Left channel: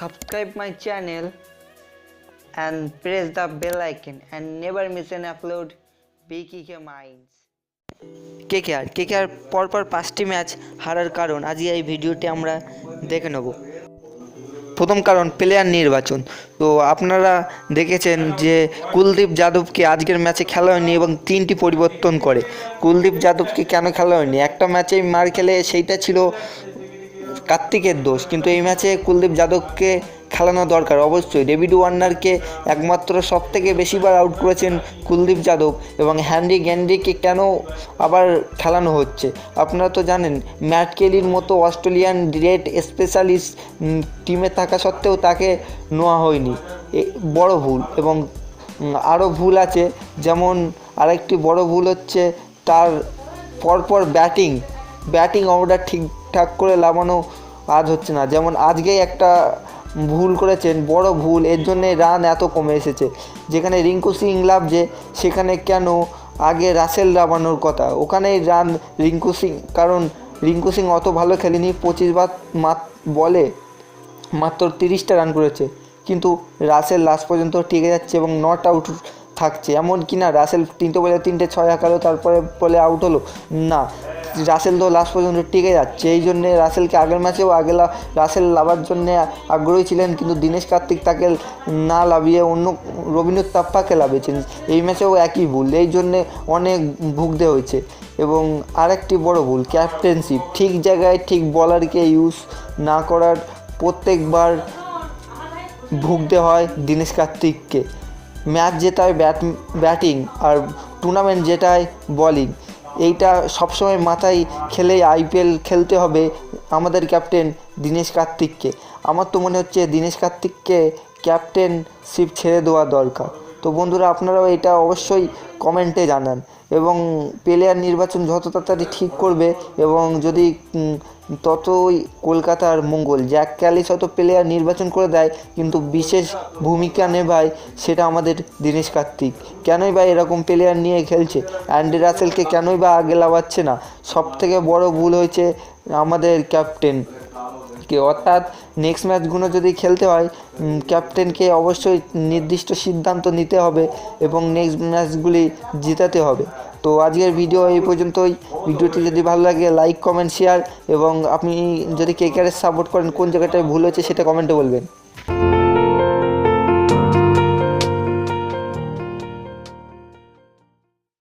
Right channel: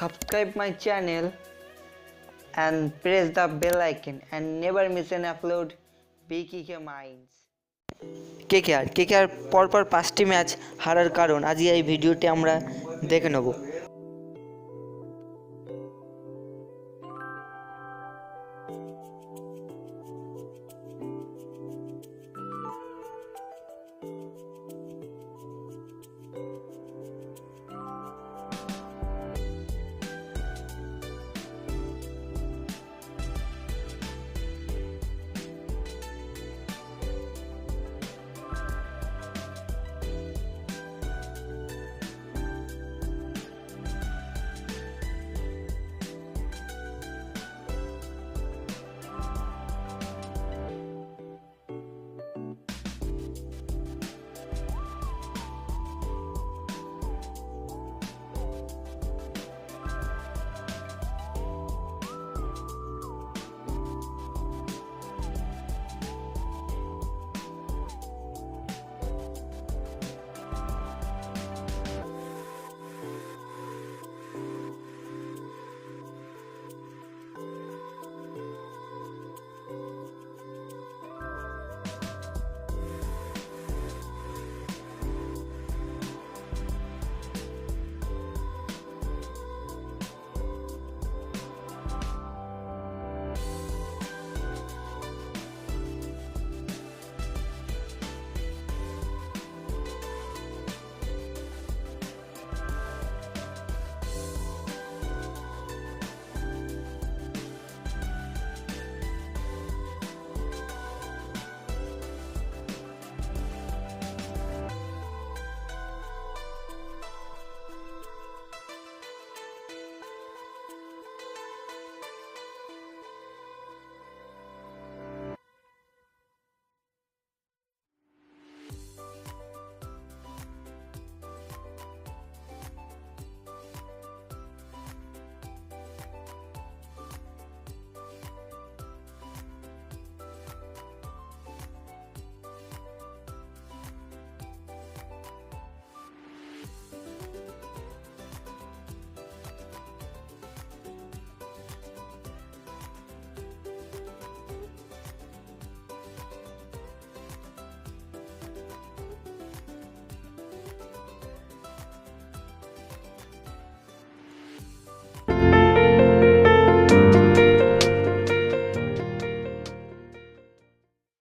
subscribe my channel and press the bell icon and never miss an upload. BKK Minds. KKR KKR পরপর পাঁচটি match হারার কারণ আজকে এই ভিডিওটি আমরা দেখে নেব। প্রথম কারণ প্লেয়ার নির্বাচন। তো আপনারা দেখেছেন যে কুলদীপ যাদবকে আজকের ম্যাচে খেলা হয়নি এবং তিনটি পরিবর্তন করে। কুলদীপ যাদবকে কেন খেলা হয়নি? একটা ম্যাচেই মার খেলে সেইটা ছিল কার্তিকের দোষ, কিন্তু এই ম্যাচে কুলদীপ যাদবকে খেলানো দরকার। অবশ্যই ডেভিড ওয়ার্নারকে একমাত্র সব থেকে বেশিবার আউট করেছেন কুলদীপ যাদব এবং হ্যান্ডি গ্যান্ডিকে কেন আবার খেলানো হচ্ছে? আপনারা তো জানেন, ম্যাট কেলির মতো অস্ট্রেলিয়ান রেড স্পেশালিস্ট টিমে থাকা সত্ত্বেও তাকে নেওয়া হয়নি। বড় ভুল এবং আরও ভুল আছে, যেমন আরেকটি বড় ভুল হচ্ছে তার পরপর ব্যাটিং। ব্যাটিং অর্ডার ঠিকঠাক করে লাগানো আজ হচ্ছে না। যেমন আজকেই একটা ভুল করেছেন, বড় ভুল, এর জন্যে রান এত কমে এসেছে। যেখানে রিঙ্কু সিং লাভছে সেখানে কেন আগে রাসেল লাগানোর কথা? ওখানেই রান রিঙ্কু সিং। কারণ রিঙ্কু সিং অত ভালো খেলেনি, পঁচিশ বার মাত, বলে মাত্র তিরিশটা রান করেছে। কিন্তু রাসেল লাস্ট পর্যন্ত টিকে যাচ্ছে এবং নট আউট থাকছে। এমন কি না, রাসেল তিনটে বলে তিনটে ছয় হাঁকালো তারপরে বলে আউট হলো? না। রাসেল তো লাস্ট পর্যন্ত টিকে যাচ্ছে। এই জন্যে রাসেলকে আগের ম্যাচেও আগে রাসেল লাভার জন্যে আগ্রহী ছিলেন, কিন্তু দীনেশ কার্তিক তাকে না লাভিয়ে অন্য রবীন্দ্র তাপ্পাকে লাভিয়েছেন। এই ম্যাচেও একই ভুল। এই জন্যে অনেক ভুগতে হয়েছে। এবং আরেকটি বড় ভুল ক্যাপ্টেনশিপ ঠিক জায়গায় ঠিক বলারকে ইউজ না করার প্রত্যেকবার ভুগতে হয় দীনেশ কার্তিককে। ম্যাচ জেতায় ব্যাট ব্যাটিং আর টুর্নামেন্ট জেতায় বলিং এইটা সবসময় মাথায় খেলে আইপিএল খেলতে হবে আমাদের ক্যাপ্টেন দীনেশ কার্তিককে। আমার তো মনে হচ্ছে দীনেশ কার্তিককে ক্যাপ্টেনশিপ ছেড়ে দেওয়া দরকার। তো বন্ধুরা আপনারাও এটা অবশ্যই কমেন্টে জানান এবং প্লেয়ার নির্বাচন যত তাড়াতাড়ি ঠিক করবে এবং যদি ততই কলকাতার মঙ্গল। জ্যাক ক্যালিস হয়তো প্লেয়ার নির্বাচন করে দেয়, কিন্তু বিশেষ ভূমিকা নেভায় সেটা আমাদের দীনেশ কার্তিক। কেনই বা এরকম প্লেয়ার নিয়ে খেলছে? অ্যান্ডি রাসেলকে কেনই বা আগে লাভাচ্ছে না? সব থেকে বড় ভুল হয়েছে আমাদের ক্যাপ্টেন কে। অর্থাৎ নেক্সট ম্যাচগুলো যদি খেলতে হয় ক্যাপ্টেনকে অবশ্যই নির্দিষ্ট সিদ্ধান্ত নিতে হবে এবং নেক্সট ম্যাচগুলি জেতাতে হবে। তো আজকের ভিডিও এই পর্যন্তই। ভিডিওটি যদি ভালো লাগে লাইক কমেন্ট শেয়ার এবং আপনি যদি কে সাপোর্ট করেন, কোন জায়গাটায় ভুল হয়েছে সেটা কমেন্টে বলবেন।